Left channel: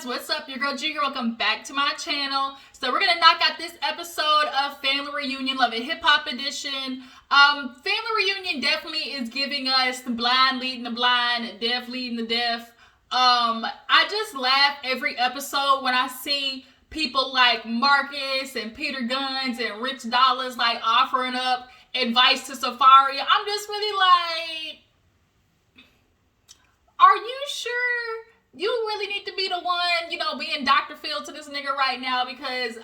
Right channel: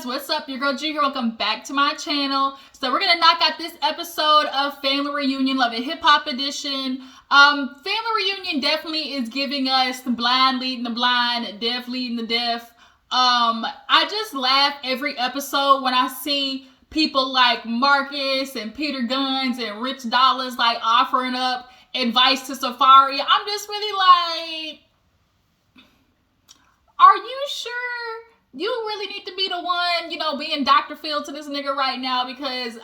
guys, what's up? Your girl G. Welcome back to my channel. So we're gonna knock out this episode of Family Reunion, Love and Hip Hop Edition. Family Reunion definitely is giving us the blind leading the blind, deaf leading the deaf. I just laugh every episode when I see people like Marcus and Peter Guns and Rich Dollars like offering up advice to Safari. I'm just really like, are you sure you really need to be the one, being Dr. Phil to this nigga right now? Because,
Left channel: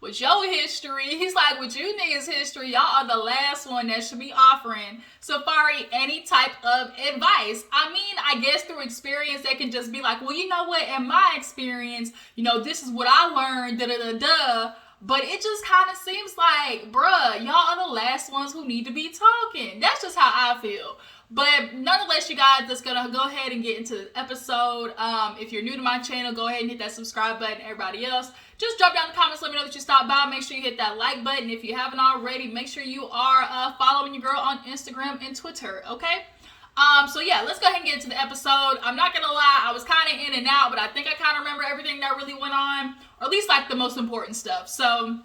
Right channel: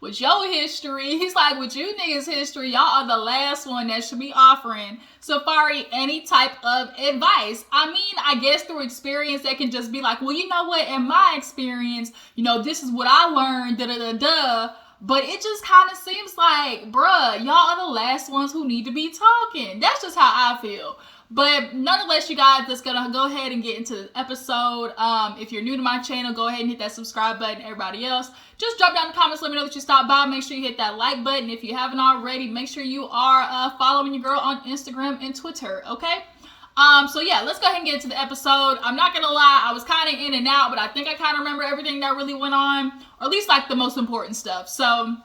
with your history, he's like, with you niggas' history, y'all are the last one that should be offering Safari any type of advice. I guess through experience, they can just be like, well, you know what, in my experience, this is what I learned, da-da-da-da. But it just kind of seems like, bruh, y'all are the last ones who need to be talking. That's just how I feel. But nonetheless, you guys, just gonna go ahead and get into the episode. If you're new to my channel, go ahead and hit that subscribe button. Everybody else, just drop down in the comments, let me know that you stopped by. Make sure you hit that like button. If you haven't already, make sure you are following your girl on Instagram and Twitter, okay? So yeah, let's go ahead and get into the episode. I'm not gonna lie, I was kind of in and out, but I think I kind of remember everything that really went on, or at least like the most important stuff. So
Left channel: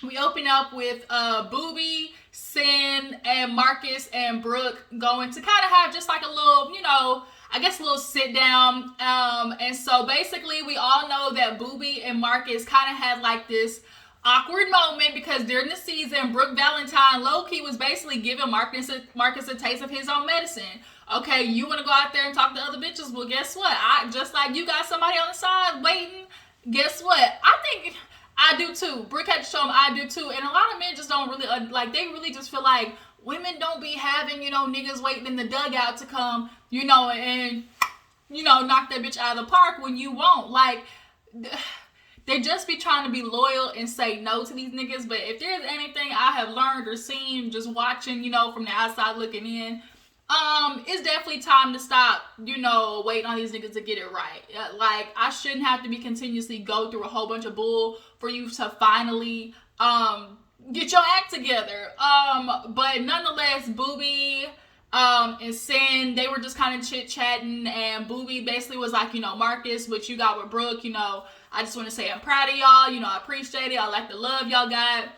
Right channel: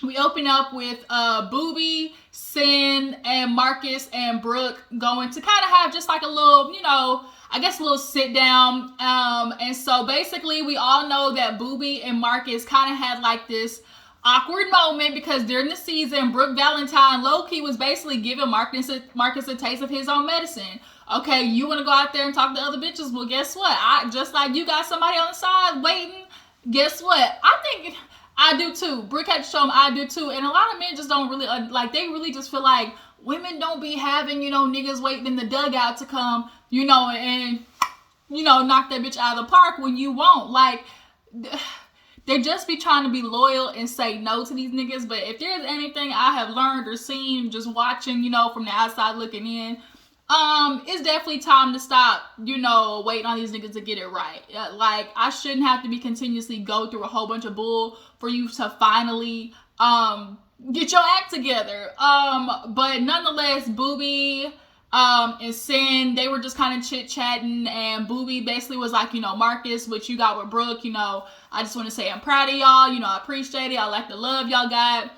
we open up with Boobie, Sin, and Marcus and Brooke going to kind of have just like a little, a little sit down. And so basically we all know that Boobie and Marcus kind of had like this awkward moment because during the season, Brooke Valentine low-key was basically giving Marcus a taste of his own medicine. Okay, you want to go out there and talk to other bitches? Well, guess what? Just like you got somebody on the side waiting, guess what? I think I do too. Brooke had to show him I do too. And a lot of men just don't really, they really just feel like women don't be having, niggas waiting in the dugout to come, and, knock that bitch out of the park when you won't. Like, they just be trying to be loyal and say no to these niggas. But if there's anything I have learned or seen just watching, from the outside looking in, it's definitely time to stop, waiting on these niggas to get it right. Like, I shouldn't have to be continuously go through a whole bunch of bull for you to finally, get your act together. But nonetheless, Boobie, and Sin, they were just kind of chit-chatting, and Boobie basically was like, Marcus, what you got with Brooke, I just want to say I'm proud of y'all, I appreciate it, I like the love y'all got,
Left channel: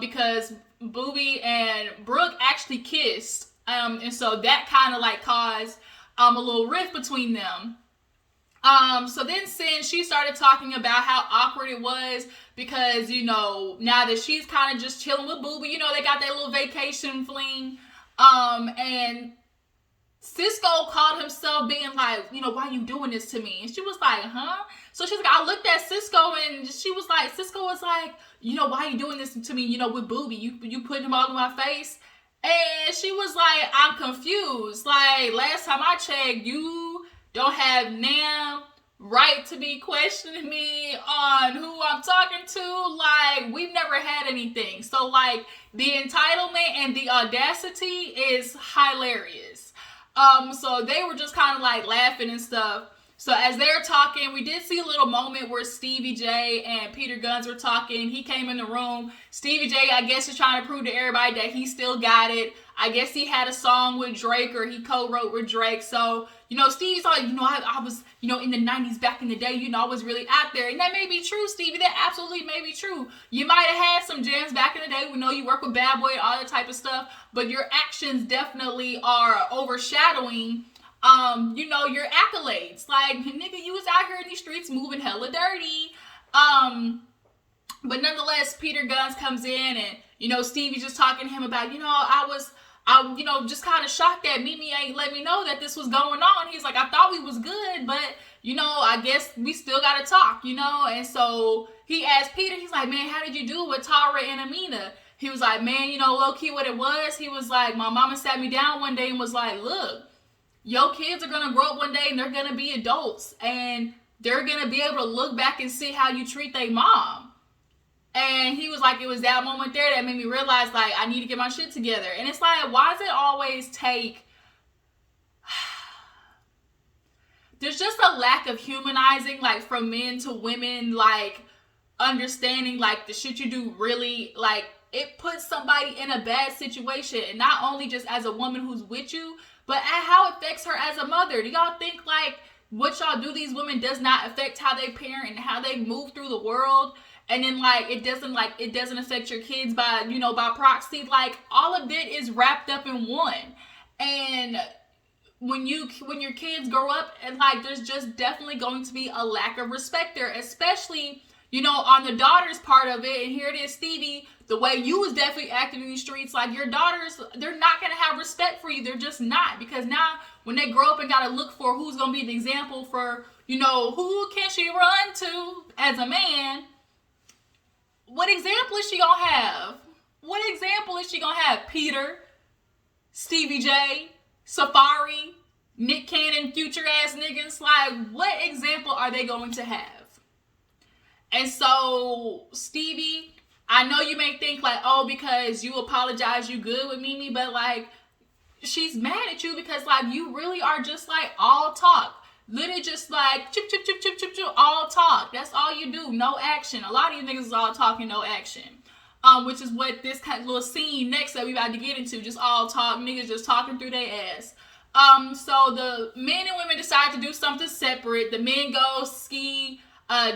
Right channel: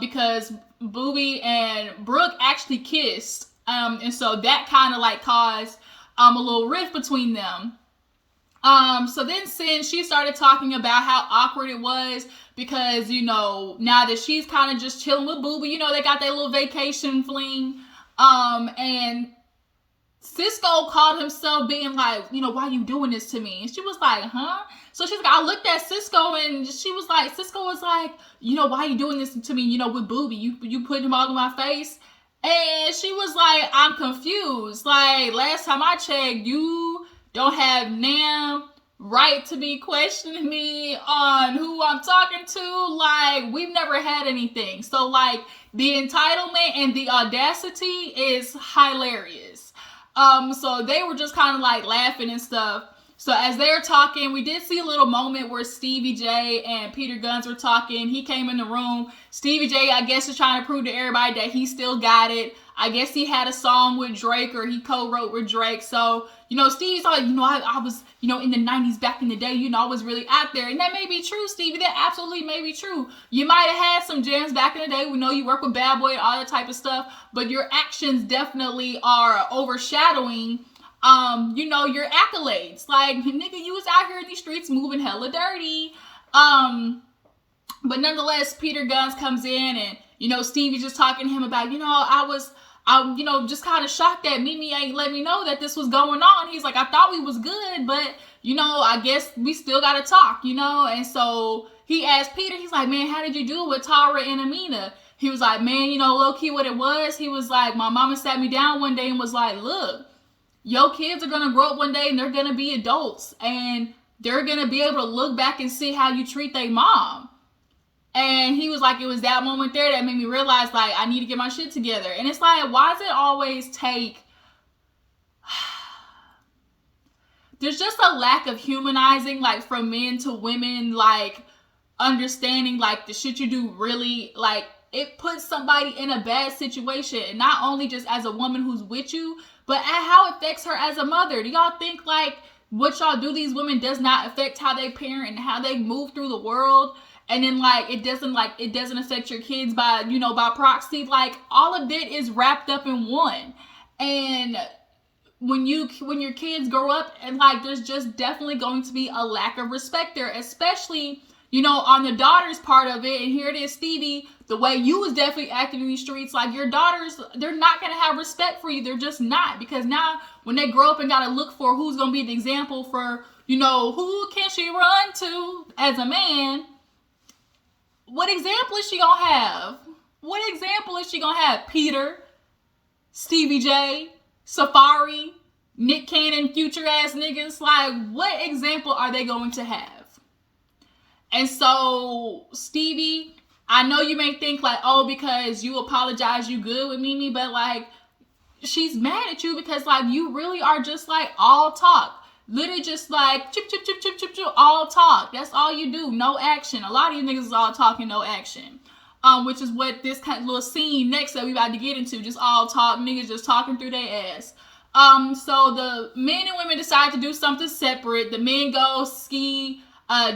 because Boobie and Brooke actually kissed, and so that kind of like caused, a little rift between them. So then Sin, she started talking about how awkward it was because, now that she's kind of just chilling with Boobie, they got that little vacation fling, and Cisco called himself being like, why you doing this to me? And she was like, huh? So she's like, I looked at Cisco and Cisco was like, why you doing this to me, with Boobie? You putting him all in my face? And she was like, I'm confused. Like, last time I checked, you don't have damn right to be questioning me on who I'm talking to. Like, we've never had anything. So, like, the entitlement and the audacity is hilarious. So they were just kind of like laughing and stuff. So as they're talking, we did see a little moment where Stevie J and Peter Guns were talking. He came in the room. Stevie J, I guess, is trying to prove to everybody that he still got it. I guess he had a song with Drake, or he co-wrote with Drake. So, Stevie's like, I was, in the 90s back in the day, I was really out there. And that may be true, Stevie. That absolutely may be true. You might have had some jams back in the day. We know you work with Bad Boy and all that type of stuff. But your actions definitely are overshadowing your accolades. Like, nigga, you was out here in these streets moving hella dirty. But nonetheless, Peter Guns comes in and, Stevie's just talking to him about, I'm just kind of shocked that Mimi ain't let me know that this was going on. He's like, I thought we was good, but, I guess we still got to talk, And so he asked Peter, he's like, man, how did you do with Tara and Amina? He was like, man, low-key what it was. He was like, my mama sat me down one day and was like, look, your kids are going to grow up one day and they're going to be adults. And they're going to be able to look back and see how you treat their mom. And he was like, it was that moment there that made me realize, like, I need to get my shit together. And it's like, why does it always take... There's just a lack of humanizing, like, from men to women, like, understanding, like, the shit you do really, like, it puts somebody in a bad situation. And not only just as a woman who's with you, but at how it affects her as a mother. Do y'all think, like, what y'all do these women does not affect how they parent and how they move through the world. And then it doesn't affect your kids by, by proxy. Like, all of it is wrapped up in one. And when your kids grow up, and there's just definitely going to be a lack of respect there, especially, on the daughter's part of it. And here it is, Stevie, the way you was definitely acting in these streets, your daughters, they're not going to have respect for you. They're just not. Because now when they grow up and got to look for who's going to be the example for, who can she run to as a man, what example is she going to have? What example is she going to have? Peter, Stevie J, Safari, Nick Cannon, future ass niggas. What example are they going to have? And so, Stevie, I know you may think because you apologize, you good with Mimi, but she's mad at you because you really are just all talk. Literally just chip, chip, chip, chip, chip, chip, all talk. That's all you do. No action. A lot of you niggas is all talking, no action. Which is what this kind of little scene next that we about to get into. Just all talk. Niggas just talking through their ass. So the men and women decide to do something separate. The men go ski,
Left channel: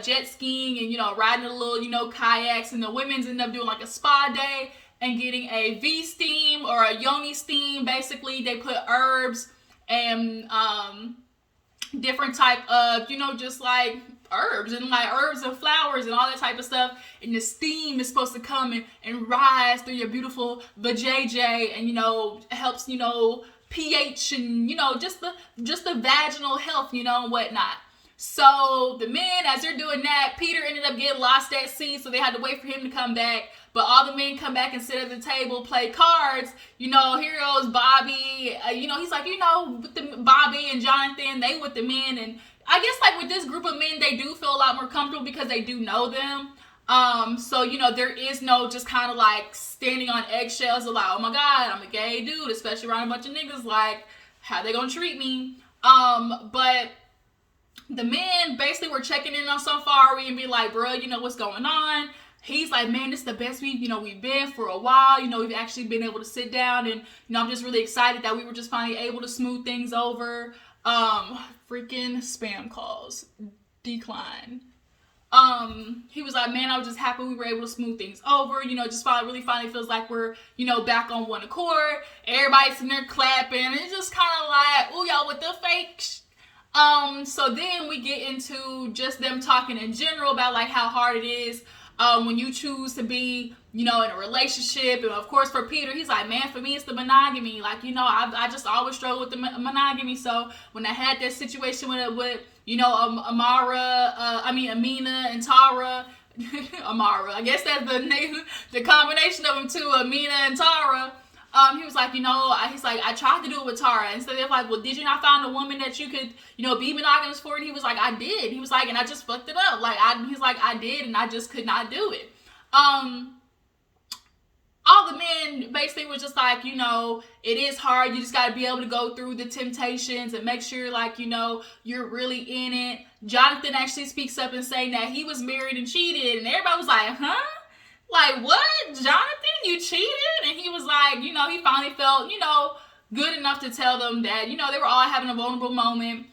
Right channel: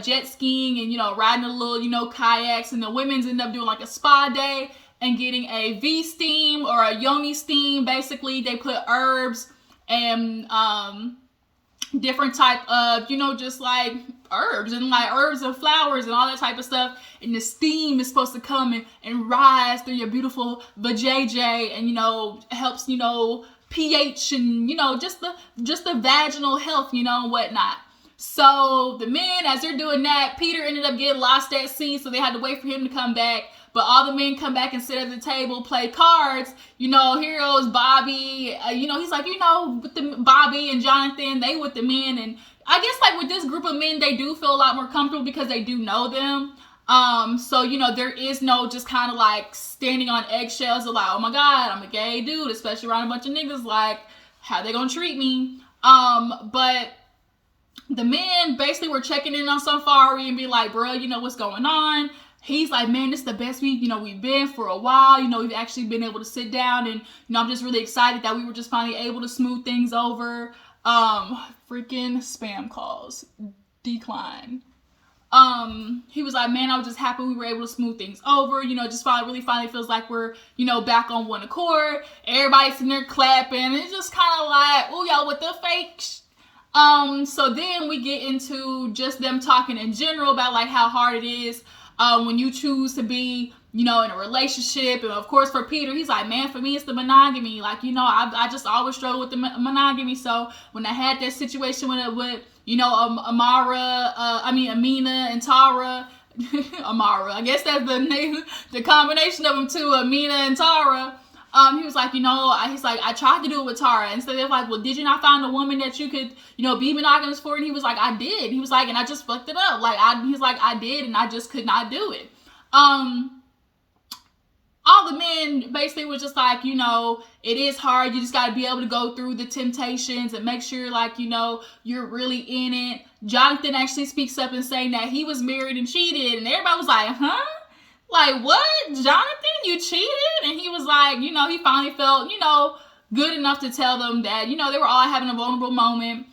jet skiing and, riding a little, kayaks. And the women's end up doing a spa day and getting a V-steam or a yoni steam. Basically, they put herbs and, different type of, just herbs and flowers and all that type of stuff. And the steam is supposed to come and rise through your beautiful vajayjay and, helps, pH and, just the vaginal health, and whatnot. So the men, as they're doing that, Peter ended up getting lost at sea, so they had to wait for him to come back. But all the men come back and sit at the table, play cards. Here goes Bobby. He's with the Bobby and Jonathan, they with the men. And I guess with this group of men, they do feel a lot more comfortable because they do know them. So, there is no just kind of standing on eggshells of oh my God, I'm a gay dude, especially around a bunch of niggas, how they gonna treat me? But the men basically were checking in on Safari and be bro, what's going on? He's man, this is the best we've been for a while. We've actually been able to sit down and, I'm just really excited that we were just finally able to smooth things over. Freaking spam calls. Decline. He was man, I was just happy we were able to smooth things over. Just finally feels like we're, back on one accord. Everybody's sitting there clapping. And it's just kind of oh, y'all with the fake so then we get into just them talking in general about how hard it is when you choose to be, in a relationship. And of course for Peter, he's man, for me it's the monogamy. I just always struggle with the monogamy. So when I had that situation with Amina and Tara, Amara, I guess that's the name, the combination of them two, Amina and Tara. He was I tried to do it with Tara. And so they're well, did you not find a woman that you could, be monogamous for? And he was I did. He was and I just fucked it up. I did, and I just could not do it. All the men basically was just it is hard. You just got to be able to go through the temptations and make sure you're really in it. Jonathan actually speaks up and saying that he was married and cheated. And everybody was huh? What? Jonathan, you cheated? And he was he finally felt, good enough to tell them that, they were all having a vulnerable moment.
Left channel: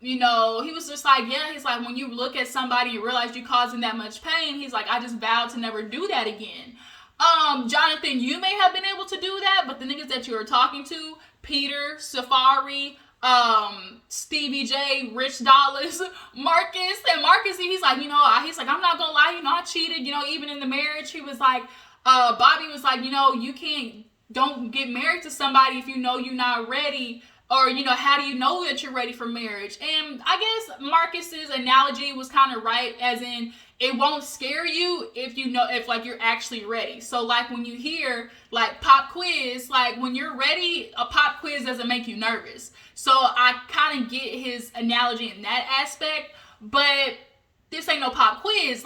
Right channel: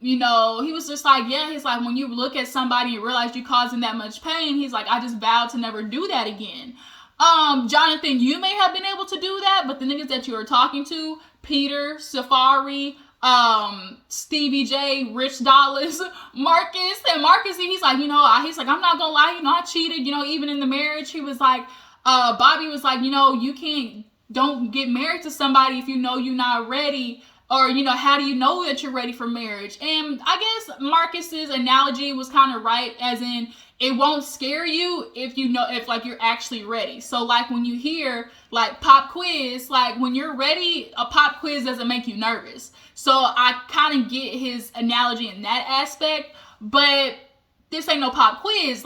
He was just yeah, he's when you look at somebody and realize you caused them that much pain, he's I just vowed to never do that again. Jonathan, you may have been able to do that, but the niggas that you were talking to, Peter, Safari, Stevie J, Rich Dollars, Marcus, and Marcus, he's I'm not gonna lie, I cheated, even in the marriage. He was Bobby was don't get married to somebody if you're not ready, or, how do you know that you're ready for marriage? And I guess Marcus's analogy was kind of right, as in, it won't scare you if you're actually ready. So when you hear pop quiz, when you're ready, a pop quiz doesn't make you nervous. So I kind of get his analogy in that aspect, but this ain't no pop quiz.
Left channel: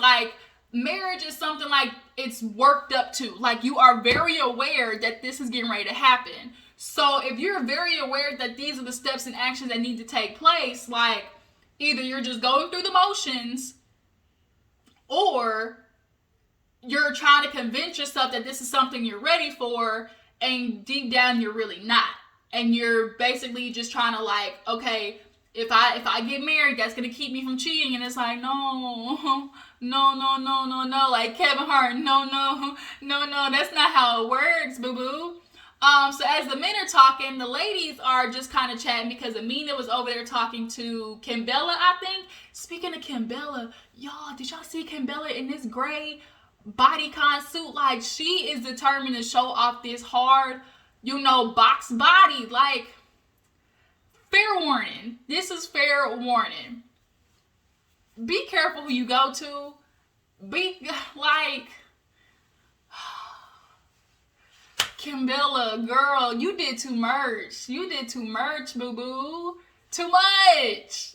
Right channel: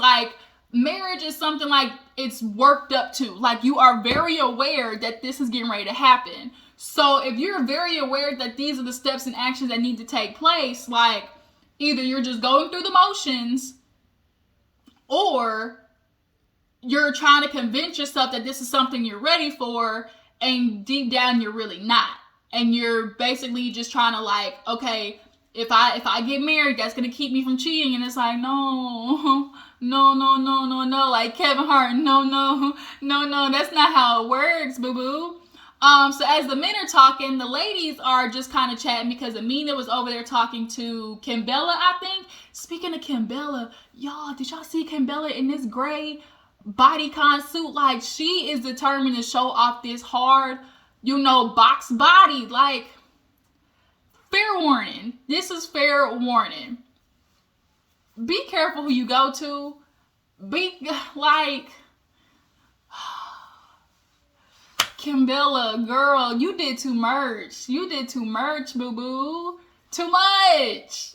Marriage is something it's worked up to. You are very aware that this is getting ready to happen. So if you're very aware that these are the steps and actions that need to take place, either you're just going through the motions, or you're trying to convince yourself that this is something you're ready for, and deep down you're really not. And you're basically just trying to okay, if I get married, that's gonna keep me from cheating. And it's like, no, no, no, no, no, no. Like Kevin Hart, no, no, no, no. That's not how it works, boo boo. So as the men are talking, the ladies are just kind of chatting because Amina was over there talking to Kimbella, I think. Speaking of Kimbella, y'all, did y'all see Kimbella in this gray bodycon suit? Like, she is determined to show off this hard, box body. Like, fair warning. This is fair warning. Be careful who you go to. Be, like... Kimbella, girl, you did too much. You did too much, boo-boo. Too much.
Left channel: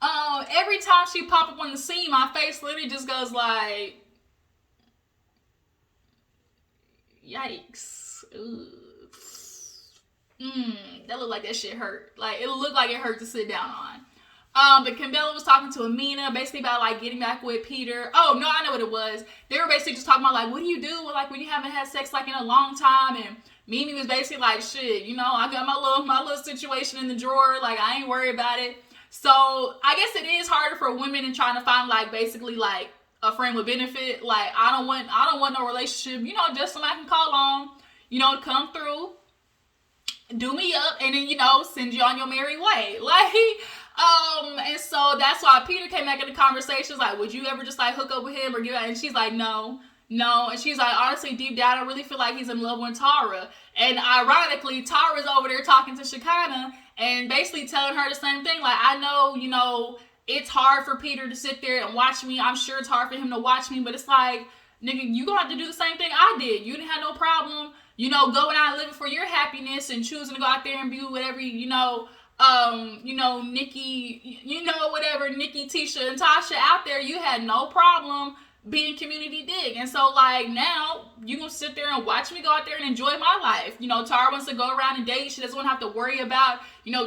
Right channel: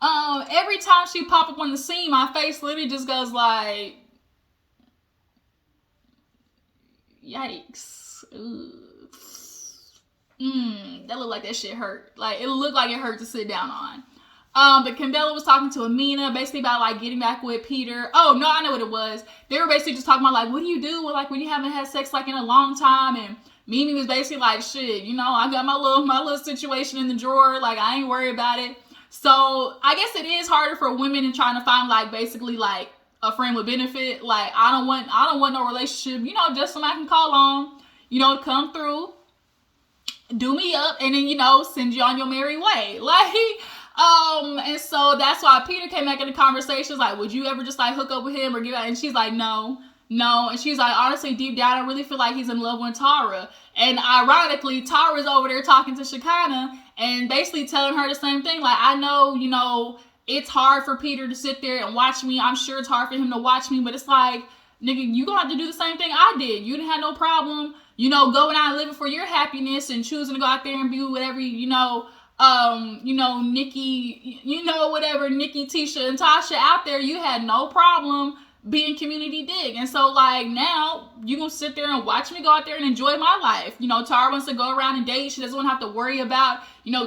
Every time she pop up on the scene, my face literally just goes like, yikes. That looked like that shit hurt. Like, it looked like it hurt to sit down on. But Kimbella was talking to Amina basically about like getting back with Peter. Oh no, I know what it was. They were basically just talking about like, what do you do with, like, when you haven't had sex like in a long time? And Mimi was basically like, shit, I got my little situation in the drawer. Like, I ain't worried about it. So I guess it is harder for women in trying to find like basically like a friend with benefit. Like, I don't want no relationship. Just somebody I can call on. To come through, do me up, and then send you on your merry way. Like. And so that's why Peter came back in the conversation, like, would you ever just like hook up with him or give out? And she's like, no. And she's like, honestly, deep down, I really feel like he's in love with Tara. And ironically, Tara's over there talking to Shekinah and basically telling her the same thing. Like, I know, it's hard for Peter to sit there and watch me. I'm sure it's hard for him to watch me, but it's like, nigga, you gonna have to do the same thing I did. You didn't have no problem, going out and living for your happiness and choosing to go out there and be whatever, Nikki, whatever, Nikki, Tisha, and Tasha out there, you had no problem being community dig. And so, like, now you gonna sit there and watch me go out there and enjoy my life. Tara wants to go around and date. She doesn't want to have to worry about,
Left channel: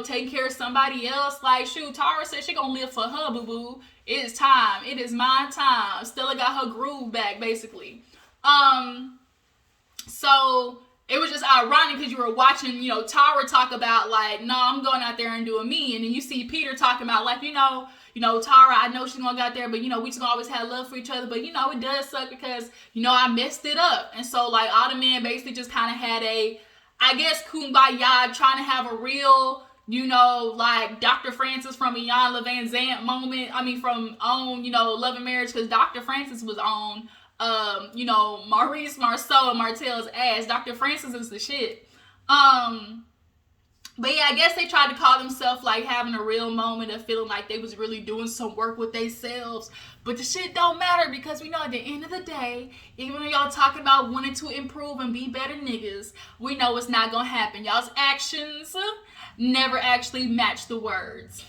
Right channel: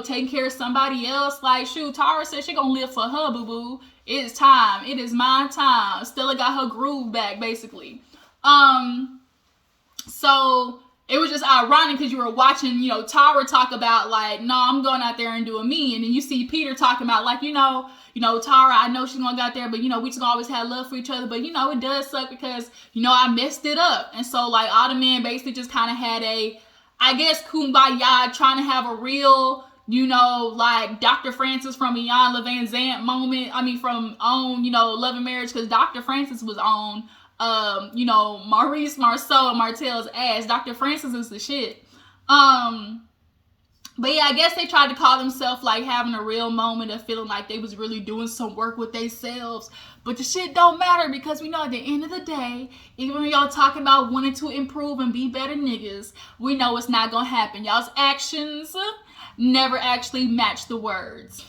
taking care of somebody else. Like, shoot, Tara said she gonna live for her, boo-boo. It is time. It is my time. Stella got her groove back, basically. So... it was just ironic because you were watching, Tara talk about like, no, I'm going out there and doing me. And then you see Peter talking about like, Tara, I know she's going to go out there, but, we just gonna always have love for each other. But, it does suck because, I messed it up. And so like all the men basically just kind of had I guess, kumbaya, trying to have a real, like Dr. Francis from Iyanla Vanzant moment. I mean, from on, Love and Marriage, because Dr. Francis was on Maurice Marceau and Martell's ass. Dr. Francis is the shit. But yeah, I guess they tried to call themselves like having a real moment of feeling like they was really doing some work with themselves. But the shit don't matter because we know at the end of the day, even when y'all talking about wanting to improve and be better niggas, we know it's not gonna happen. Y'all's actions never actually match the words.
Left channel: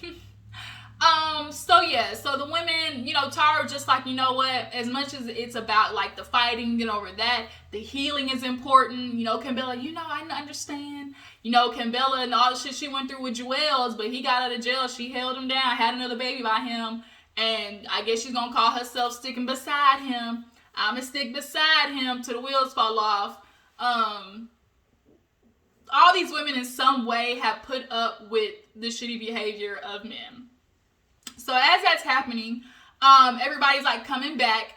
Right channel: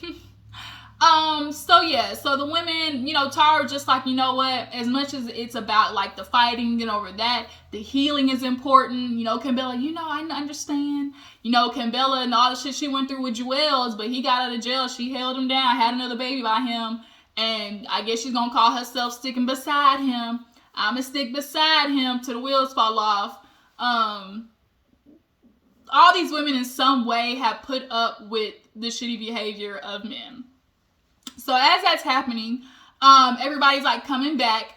So the women, Tara just like, as much as it's about like the fighting and over that, the healing is important. Kimbella, I understand, Kimbella and all the shit she went through with Joel's, but he got out of jail. She held him down, had another baby by him. And I guess she's going to call herself sticking beside him. I'm going to stick beside him till the wheels fall off. All these women in some way have put up with the shitty behavior of men. So as that's happening, everybody's like coming back.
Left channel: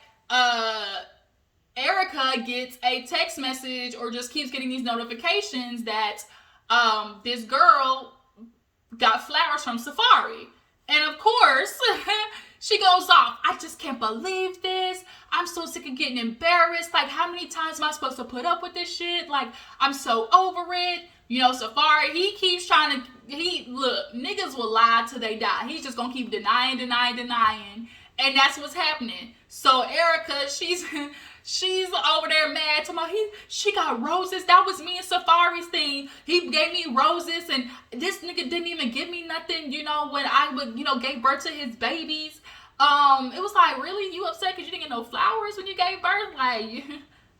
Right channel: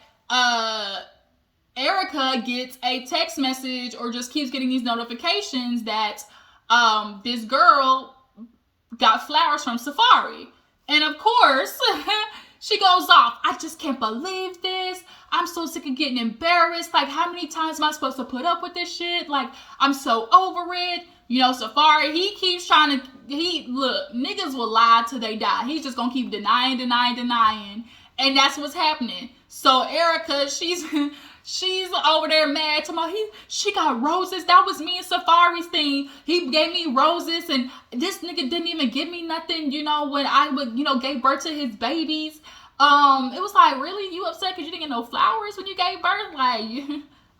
Erica gets a text message or just keeps getting these notifications that this girl got flowers from Safari. And of course, she goes off. I just can't believe this. I'm so sick of getting embarrassed. Like, how many times am I supposed to put up with this shit? Like, I'm so over it. Safari, he keeps trying to, look, niggas will lie till they die. He's just gonna keep denying. And that's what's happening. So Erica, she's over there mad. She got roses. That was me and Safari's thing. He gave me roses and this nigga didn't even give me nothing, when I would, gave birth to his babies. It was like, really? You upset because you didn't get no flowers when you gave birth? Like,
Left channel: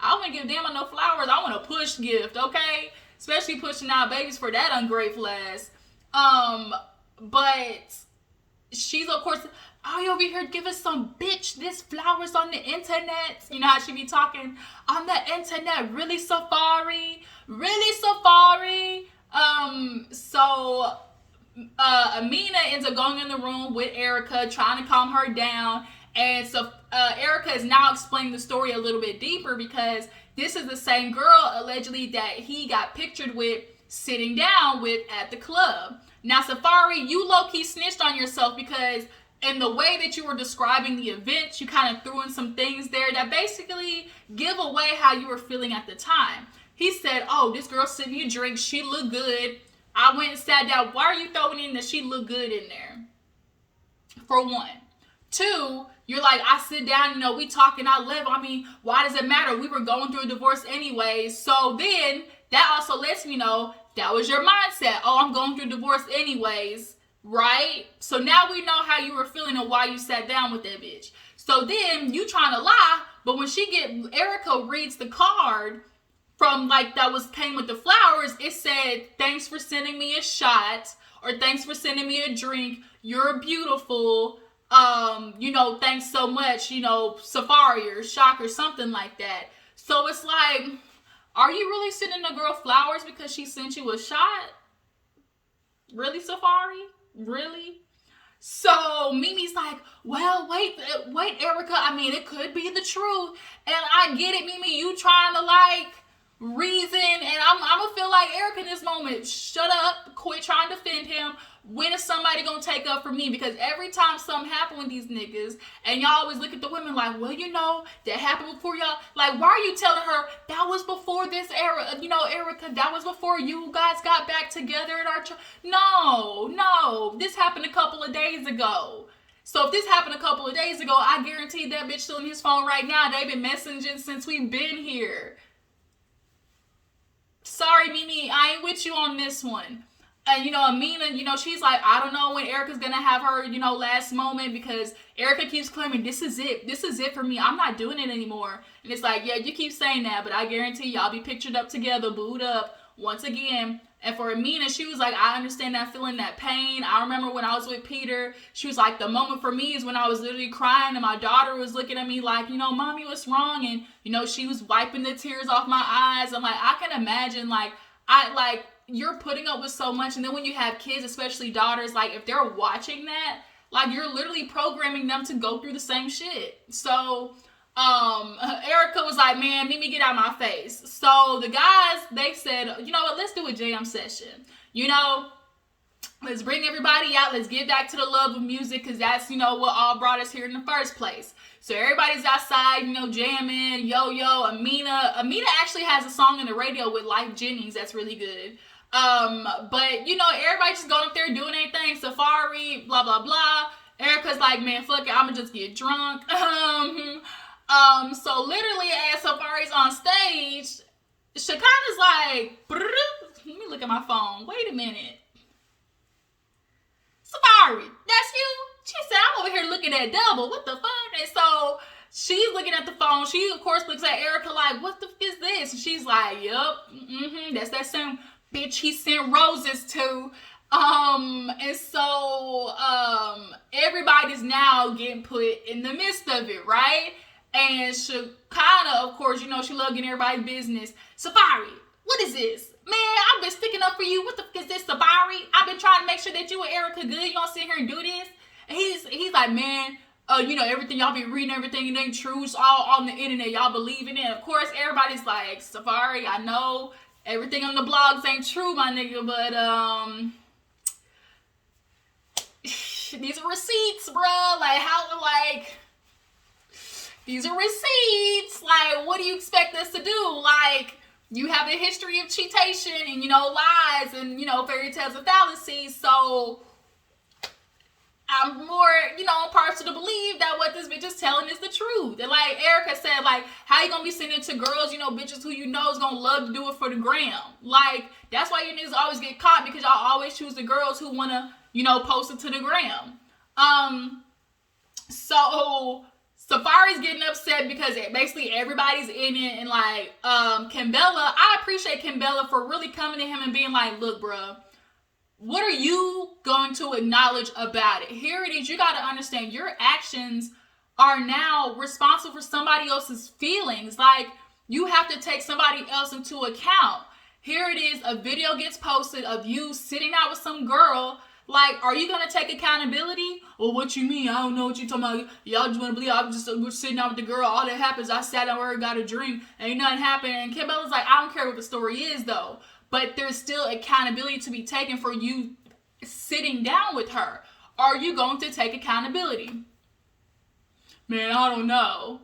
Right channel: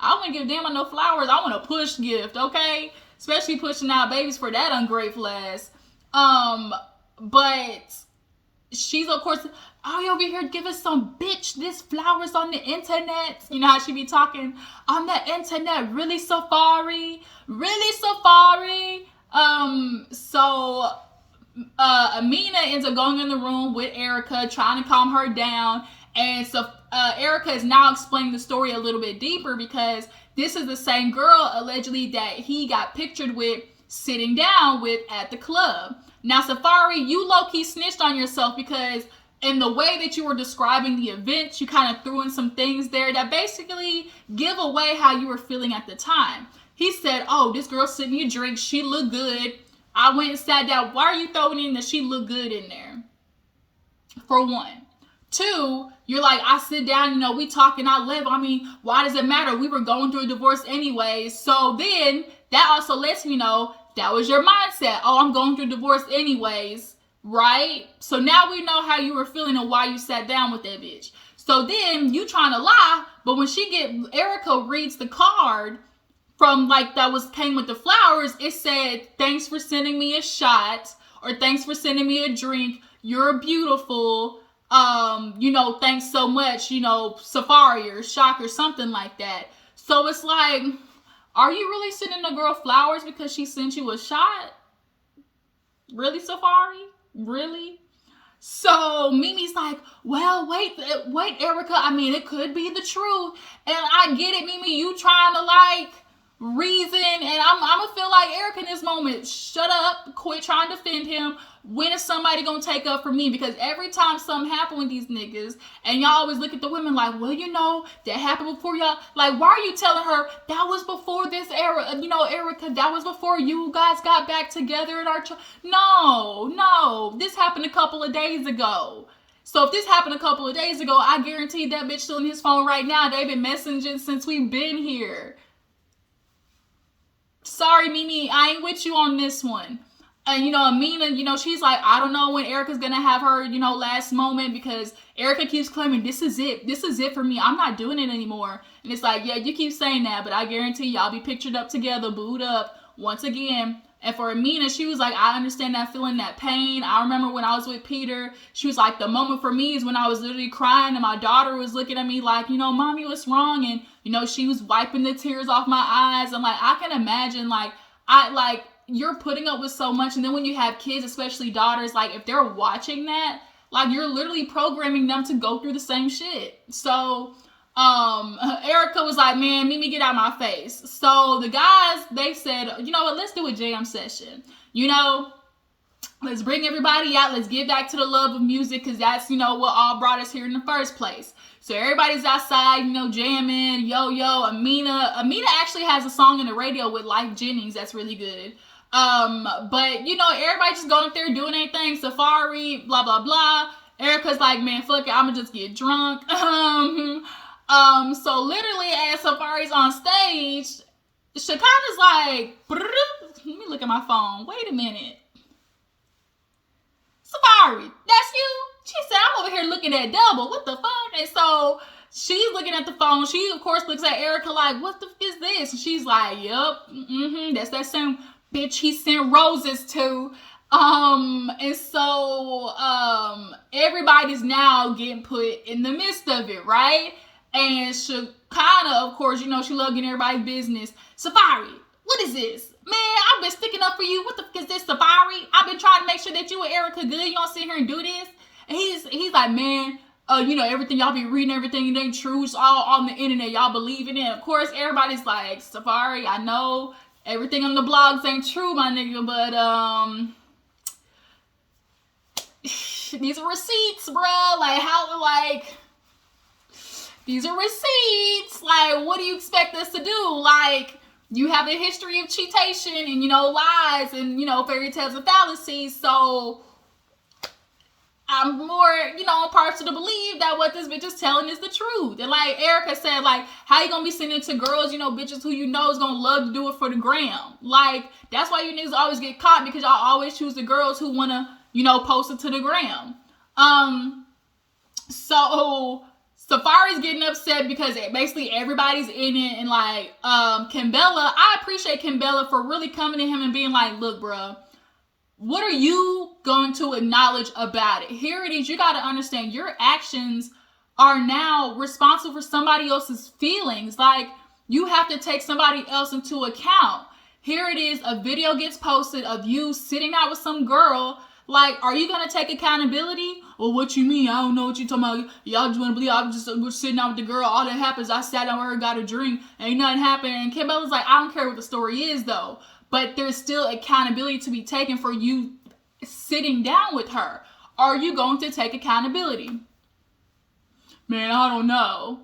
I don't want to give a damn on no flowers. I want a push gift, okay? Especially pushing out babies for that ungrateful ass. But she's, of course, you over here giving some bitch this flowers on the internet. You know how she be talking on the internet. Really, Safari? Really, Safari? So Amina ends up going in the room with Erica, trying to calm her down. And so Erica is now explaining the story a little bit deeper, because this is the same girl allegedly that he got pictured with sitting down with at the club. Now, Safari, you low-key snitched on yourself, because in the way that you were describing the event, you kind of threw in some things there that basically give away how you were feeling at the time. He said, oh, this girl sent me a drink. She looked good. I went and sat down. Why are you throwing in that she looked good in there? For one. Two, you're like, I sit down, we talking, I live. I mean, why does it matter? We were going through a divorce anyways. So then that also lets me know that was your mindset. Oh, I'm going through a divorce anyways, right? So now we know how you were feeling and why you sat down with that bitch. So then you trying to lie, but when Erica reads the card from came with the flowers, it said, thanks for sending me a shot, or thanks for sending me a drink. You're beautiful. Thanks so much, Safari or Shock or something like that. So it's like, are you really sending a girl flowers because she sent you a shot? Really, Safari? Really? So Mimi's like, well, wait, Erica. I mean, it could be the truth. And I get it, Mimi. You trying to reason, and I'm gonna feel like Erica in this moment. Shut up, quit trying to defend him. When is somebody gonna take up for me? Because every time something happen with these niggas, and y'all always look at the women like, well, that happened before y'all. Like, why are you telling her that was before this era? Erica, that was before you guys got back together at our No, this happened a couple of days ago. So if this happened a couple of days ago, I guarantee that bitch still in his phone right now. They've been messaging since we've been here. Sorry, Mimi, I ain't with you on this one. And, Amina, she's like, I don't know when Erica's going to have her, last moment, because Erica keeps claiming, this is it. This is it for me. I'm not doing it anymore. And it's like, yeah, you keep saying that, but I guarantee y'all be pictured up together, booed up once again. And for Amina, she was like, I understand that feeling, that pain. I remember when I was with Peter, she was like, the moment for me is when I was literally crying and my daughter was looking at me like, Mommy, what's wrong? And, she was wiping the tears off my eyes. I'm like, I can imagine, you're putting up with so much. And then when you have kids, especially daughters, if they're watching that, you're literally programming them to go through the same shit. So Erica was like, man, Mimi, get out of my face. So the guys, they said, you know what, let's do a jam session. Let's bring everybody out. Let's get back to the love of music, because that's, what all brought us here in the first place. So everybody's outside, jamming, yo. Amina actually has a song in the radio with Lyfe Jennings that's really good. But, everybody just going up there doing anything. Safari, blah, blah, blah. Erica's like, man, fuck it, I'ma just get drunk. So literally as Safari's on stage, Shekinah's like, let me look at my phone. Wait a minute. Safari, that's you? She said, I'm over here looking at double. What the fuck? And so she's looking at the phone. She, of course, looks at Erica like, what the fuck is this? And she's like, yep, that's that same bitch he sent roses to. And so everybody's now getting put in the midst of it, right? And Shekinah, of course, she love getting everybody's business. Safari, what is this? Man, I've been sticking up for you. What the fuck is this, Safari? I've been trying to make sure that you and Erica good. You don't sit here and do this. And he's like, man, everything y'all be reading, everything, it ain't true. It's all on the internet. Y'all believe in it. Of course, everybody's like, Safari, I know everything on the blogs ain't true, my nigga, but these are receipts, bruh. These are receipts. What do you expect us to do? You have a history of cheatation and, lies and, fairy tales and fallacies. So I'm more, partial to believe that what this bitch is telling is the truth. And Erica said, how you gonna be sending it to girls, bitches who is gonna love to do it for the gram? That's why you niggas always get caught, because y'all always choose the girls who wanna, post it to the gram. So Safari's getting upset because basically everybody's in it, and Kimbella, I appreciate Kimbella for really coming to him and being like, look, bruh, what are you going to acknowledge about it? Here it is. You got to understand your actions are now responsible for somebody else's feelings. You have to take somebody else into account. Here it is. A video gets posted of you sitting out with some girl. Like, are you gonna take accountability? Well, what you mean? I don't know what you talking about. Y'all just wanna believe I was just sitting down with the girl. All that happens, I sat down with her, got a drink, ain't nothing happened. And Kim was like, I don't care what the story is though, but there's still accountability to be taken for you sitting down with her. Are you going to take accountability? Man, I don't know.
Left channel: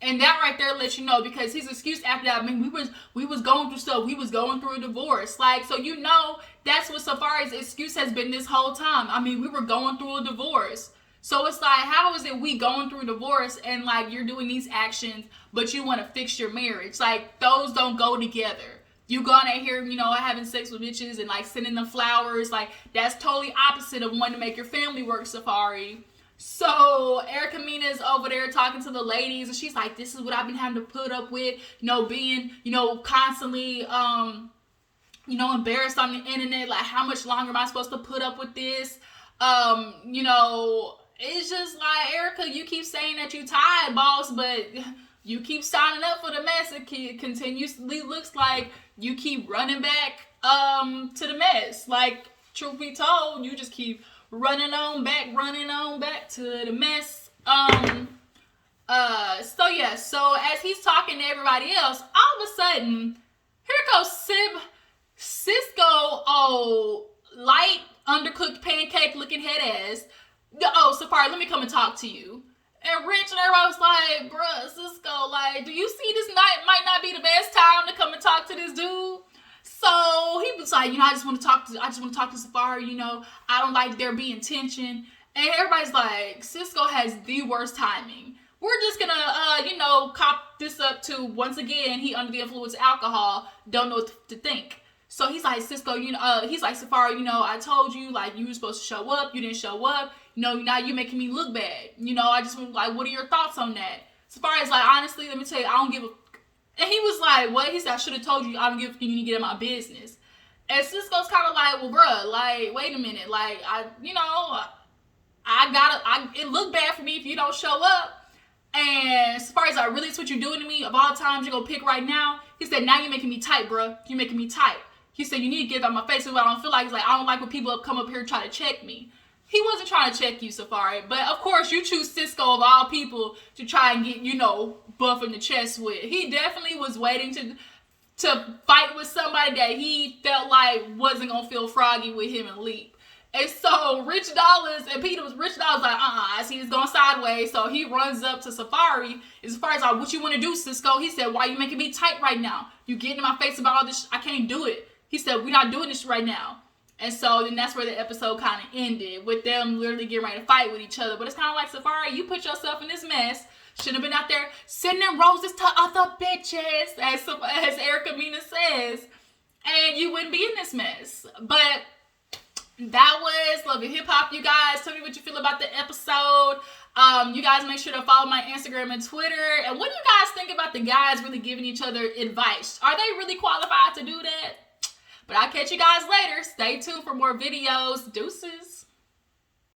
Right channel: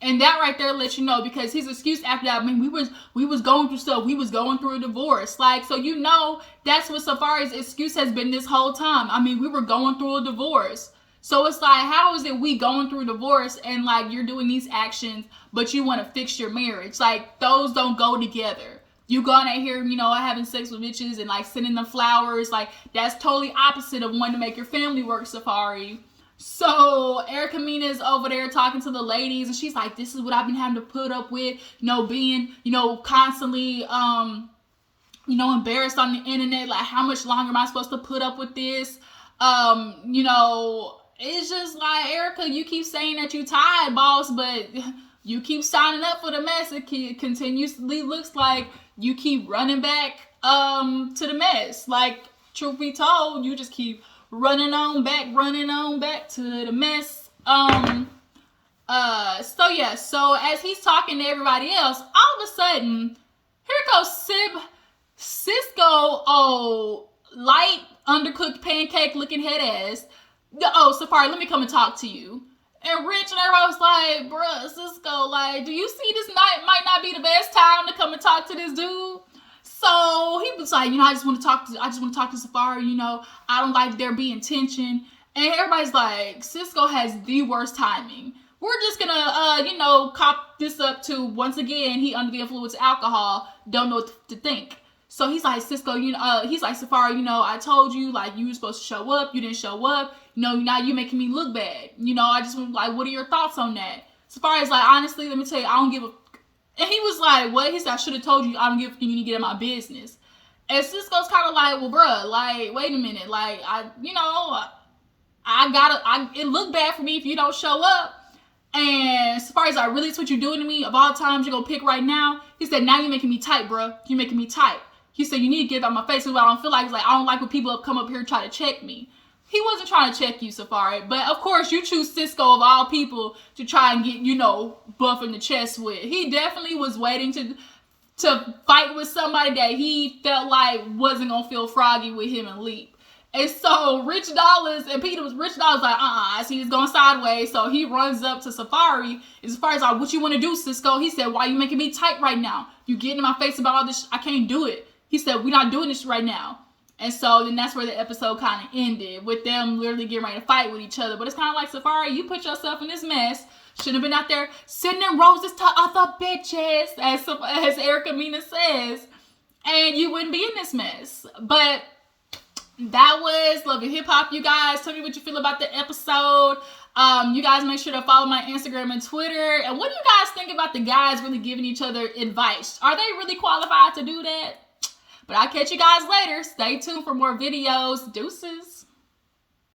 And that right there lets you know, because his excuse after that, I mean, we was going through stuff. We was going through a divorce. Like, so you know, that's what Safari's excuse has been this whole time. I mean, we were going through a divorce. So it's like, how is it we going through a divorce and like you're doing these actions, but you want to fix your marriage? Like, those don't go together. You going out here, you know, having sex with bitches and like sending them flowers. Like, that's totally opposite of wanting to make your family work, Safari. So Erica Mina's over there talking to the ladies, and she's like, this is what I've been having to put up with, you know, being, you know, constantly, you know, embarrassed on the internet. Like, how much longer am I supposed to put up with this? You know, it's just like, Erica, you keep saying that you tired, boss, but you keep signing up for the mess. It continuously looks like you keep running back to the mess. Like, truth be told, you just keep running on back to the mess. So yeah, so as he's talking to everybody else, all of a sudden, here goes Cisco, oh, light, undercooked pancake looking head ass. Oh, Safari, let me come and talk to you. And Rich and everybody was like, bruh, Cisco, like, do you see this night might not be the best time to come and talk to this dude? So he was like, you know, I just want to talk to Safari, you know, I don't like there being tension. And everybody's like, Cisco has the worst timing. We're just gonna, you know, cop this up to, once again, he under the influence of alcohol, don't know what to think. So he's like, Cisco, you know, he's like, Safari, you know, I told you, like, you were supposed to show up, you didn't show up, you know, now you're making me look bad. You know, I just want, like, what are your thoughts on that? Safari's like, honestly, let me tell you, I don't give a. And he was like, what? He said, I should have told you, I don't give a you need to get in my business. And Cisco's kind of like, well, bruh, like, wait a minute. Like, it looked bad for me if you don't show up. And Safari's like, really, that's what you're doing to me? Of all times you're going to pick right now? He said, now you're making me tight, bruh. You're making me tight. He said, you need to get out my face. What I don't feel like is like, I don't like when people come up here and try to check me. He wasn't trying to check you, Safari. But, of course, you choose Cisco of all people to try and get, you know, buff in the chest with. He definitely was waiting to fight with somebody that he felt like wasn't going to feel froggy with him and leap. And so Rich Dollars and Peter was like, I see it's going sideways. So he runs up to Safari. And Safari's like, what you want to do, Cisco? He said, why are you making me tight right now? You getting in my face about all this? I can't do it. He said, we're not doing this right now. And so then that's where the episode kind of ended, with them literally getting ready to fight with each other. But it's kind of like, Safari, you put yourself in this mess. Shouldn't have been out there sending roses to other bitches, as Erica Mina says. And you wouldn't be in this mess. But that was Love and Hip Hop, you guys. Tell me what you feel about the episode. You guys make sure to follow my Instagram and Twitter. And what do you guys think about the guys really giving each other advice? Are they really qualified to do that? But I'll catch you guys later. Stay tuned for more videos. Deuces.